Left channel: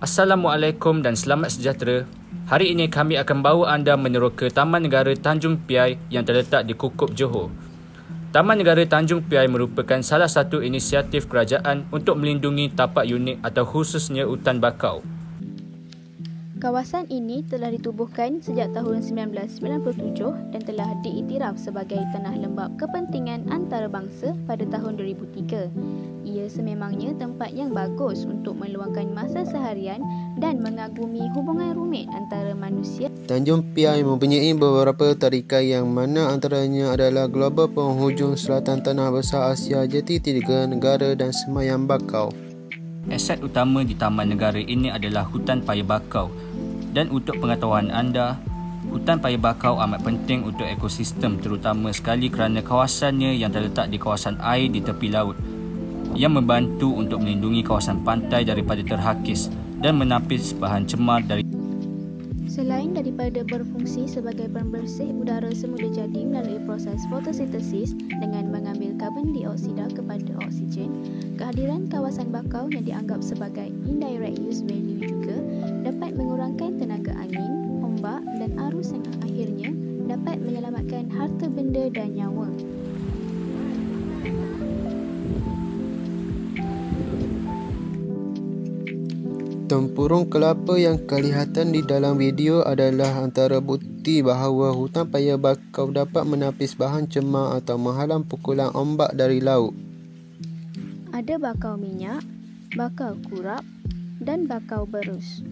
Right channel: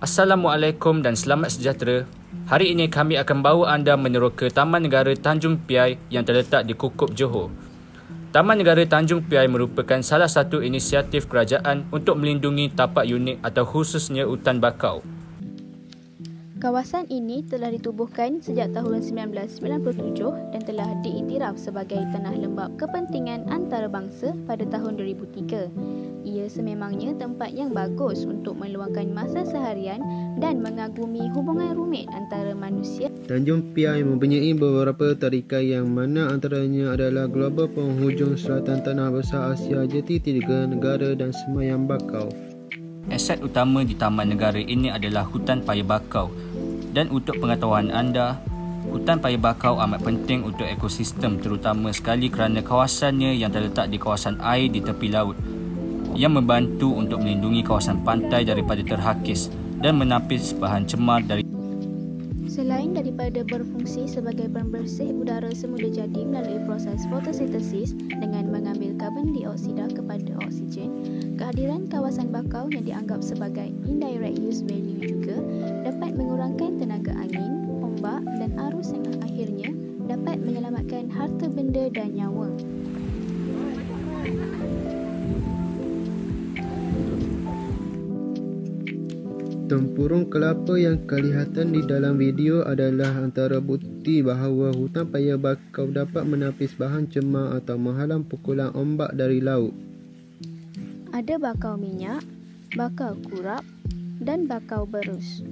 Assalamualaikum dan selamat sejahtera. Hari ini kami akan bawa anda meneroka Taman Negara Tanjung Piai yang terletak di Kukup, Johor. Taman Negara Tanjung Piai merupakan salah satu inisiatif kerajaan untuk melindungi tapak unik atau khususnya hutan bakau. Kawasan ini telah ditubuhkan sejak tahun 1997 dan telah diiktiraf sebagai tanah lembap kepentingan antarabangsa pada tahun 2003. Ia sememangnya tempat yang bagus untuk meluangkan masa seharian dan mengagumi hubungan rumit antara manusia. Tanjung Piai mempunyai beberapa tarikan yang mana antaranya adalah Global Penghujung Selatan Tanah Besar Asia, Jeti Tiga Negara dan Semayang Bakau. Aset utama di Taman Negara ini adalah hutan paya bakau. Dan untuk pengetahuan anda, hutan paya bakau amat penting untuk ekosistem, terutama sekali kerana kawasannya yang terletak di kawasan air di tepi laut yang membantu untuk melindungi kawasan pantai daripada terhakis dan menapis bahan cemar dari. Selain daripada berfungsi sebagai pembersih udara semula jadi melalui proses fotosintesis dengan mengambil karbon dioksida kepada oksigen, kehadiran kawasan bakau yang dianggap sebagai indirect use value juga dapat mengurangkan tenaga angin, ombak dan arus yang akhirnya dapat menyelamatkan harta benda dan nyawa. Tempurung kelapa yang kelihatan di dalam video adalah antara bukti bahawa hutan paya bakau dapat menapis bahan cemar atau menghalang pukulan ombak dari laut. Ada bakau minyak, bakau kurap dan bakau berus.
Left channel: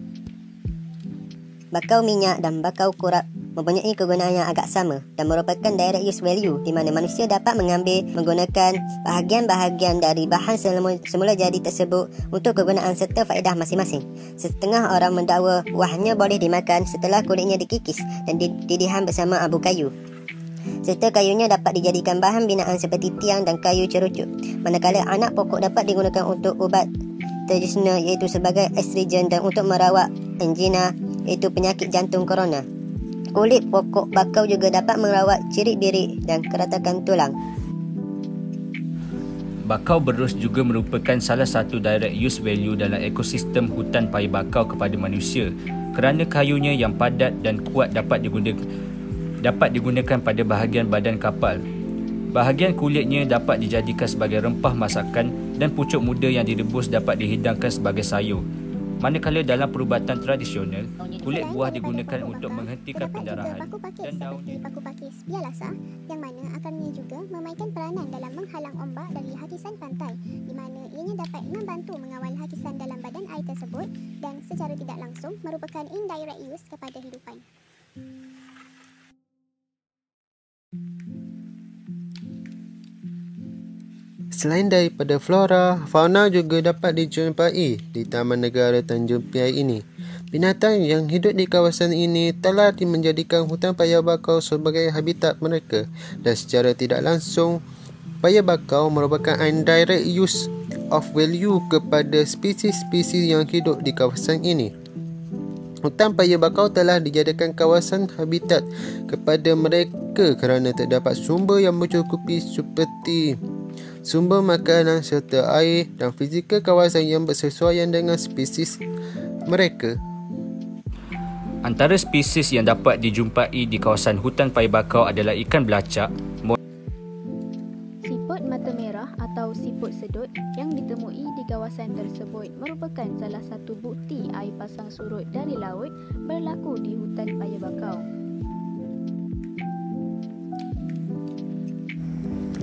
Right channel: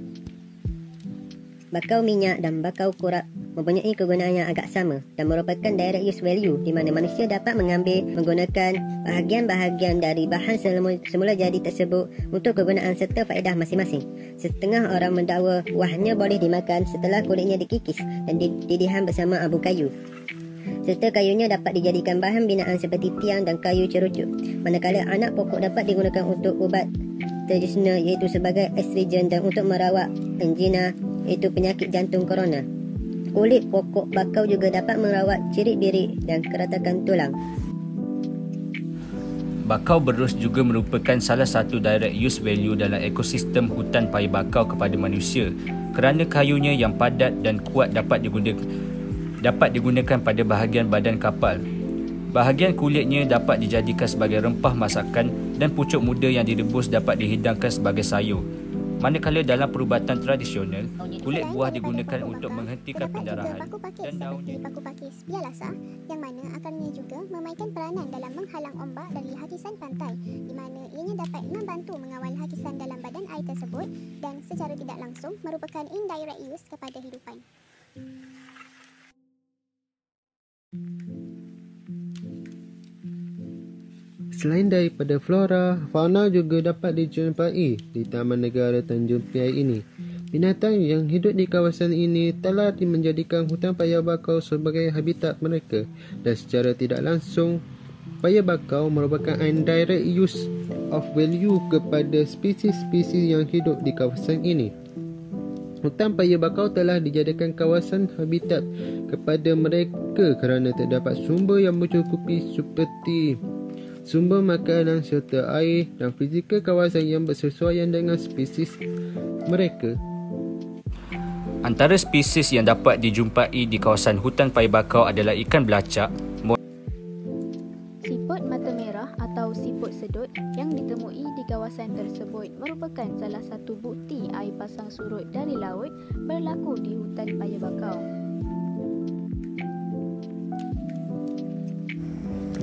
Bakau minyak dan bakau kurap mempunyai kegunaan yang agak sama dan merupakan direct use value di mana manusia dapat menggunakan bahagian-bahagian dari bahan semula jadi tersebut untuk kegunaan serta faedah masing-masing. Setengah orang mendakwa buahnya boleh dimakan setelah kulitnya dikikis dan didihan bersama abu kayu. Serta kayunya dapat dijadikan bahan binaan seperti tiang dan kayu cerucuk. Manakala anak pokok dapat digunakan untuk ubat tradisional iaitu sebagai astringen dan untuk merawat angina iaitu penyakit jantung korona. Kulit pokok bakau juga dapat merawat cirit-birit dan keratakan tulang. Bakau berus juga merupakan salah satu direct use value dalam ekosistem hutan paya bakau kepada manusia kerana kayunya yang padat dan kuat dapat digunakan pada bahagian badan kapal. Bahagian kulitnya dapat dijadikan sebagai rempah masakan dan pucuk muda yang direbus dapat dihidangkan sebagai sayur. Manakala dalam perubatan tradisional, kulit buah digunakan untuk menghentikan pendarahan dan daunnya paku pakis bialasa yang mana akarnya juga memainkan peranan dalam menghalang ombak dari hakisan pantai di mana ianya dapat membantu mengawal hakisan dalam badan air tersebut dan secara tidak langsung merupakan indirect use kepada hidupan. Selain daripada flora, fauna juga dapat dijumpai di Taman Negara Tanjung Piai ini. Binatang yang hidup di kawasan ini telah menjadikan hutan paya bakau sebagai habitat mereka dan secara tidak langsung, paya bakau merupakan indirect use of value kepada spesies-spesies yang hidup di kawasan ini. Hutan paya bakau telah dijadikan kawasan habitat kepada mereka kerana terdapat sumber yang mencukupi seperti sumber makanan serta air dan fizikal kawasan yang bersesuaian dengan spesies mereka. Antara spesies yang dapat dijumpai di kawasan hutan paya bakau adalah ikan belacak, Siput mata merah atau siput sedut yang ditemui di kawasan tersebut merupakan salah satu bukti air pasang surut dari laut berlaku di hutan paya bakau.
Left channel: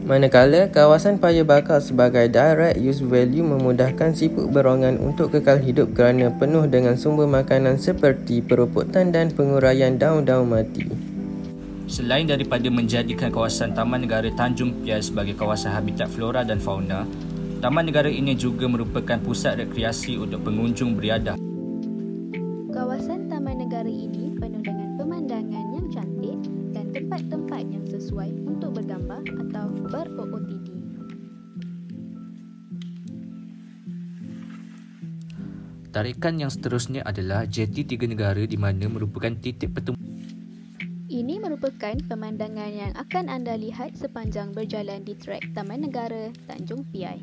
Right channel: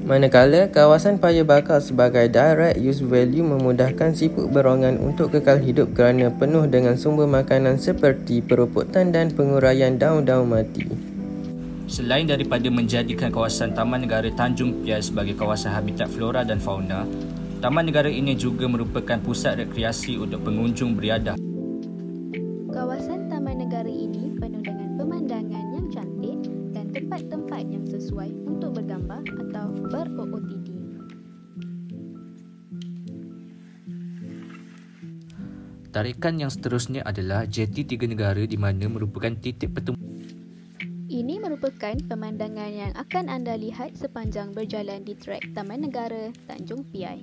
Manakala kawasan paya bakau sebagai direct use value memudahkan siput berongan untuk kekal hidup kerana penuh dengan sumber makanan seperti peruputan dan penguraian daun-daun mati. Selain daripada menjadikan kawasan Taman Negara Tanjung Piai sebagai kawasan habitat flora dan fauna, Taman Negara ini juga merupakan pusat rekreasi untuk pengunjung beriadah. Kawasan Taman Negara ini penuh dengan pemandangan yang cantik dan tempat-tempat yang sesuai untuk bergambar atau ber-OOTD. Tarikan yang seterusnya adalah Jeti Tiga Negara di mana merupakan titik pertemuan. Ini merupakan pemandangan yang akan anda lihat sepanjang berjalan di trek Taman Negara Tanjung Piai.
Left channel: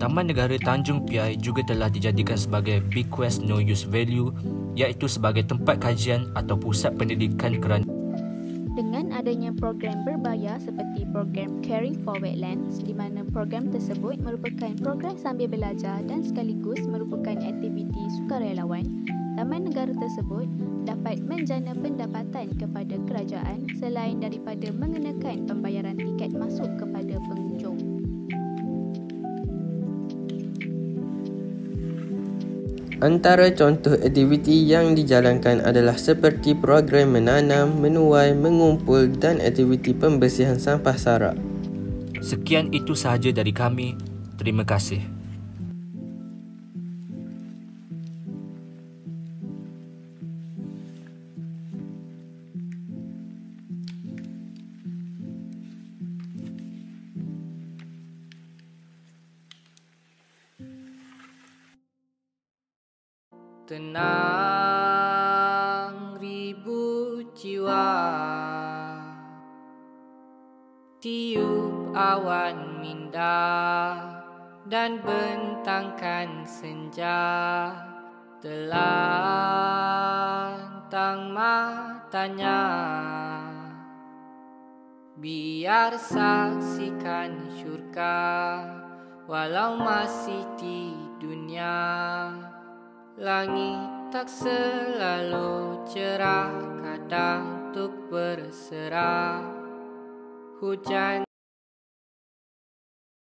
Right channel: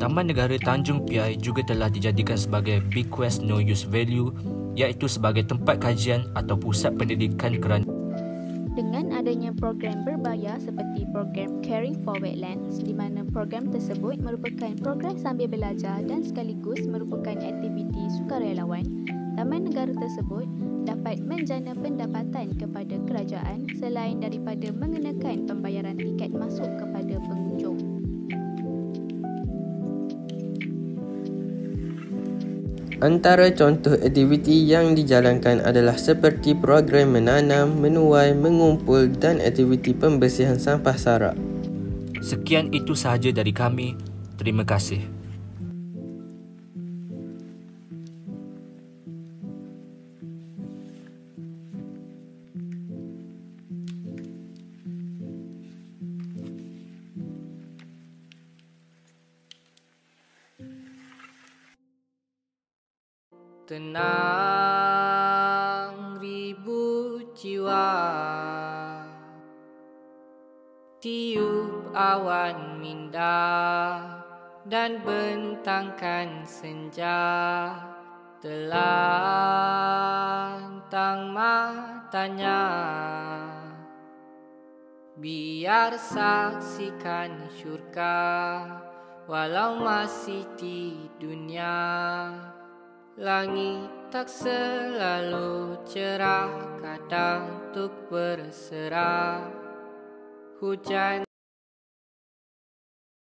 Taman Negara Tanjung Piai juga telah dijadikan sebagai Bequest No Use Value, iaitu sebagai tempat kajian atau pusat pendidikan kerana Dengan adanya program berbayar seperti program Caring for Wetlands, di mana program tersebut merupakan program sambil belajar dan sekaligus merupakan aktiviti sukarelawan, Taman Negara tersebut dapat menjana pendapatan kepada kerajaan selain daripada mengenakan pembayaran tiket masuk kepada pengunjung. Antara contoh aktiviti yang dijalankan adalah seperti program menanam, menuai, mengumpul dan aktiviti pembersihan sampah sarak. Sekian itu sahaja dari kami. Terima kasih. Tenang ribu jiwa, tiup awan minda dan bentangkan senja, telantang matanya, biar saksikan syurga walau masih di dunia. Langit tak selalu cerah, kadang tuk berserah. Hujan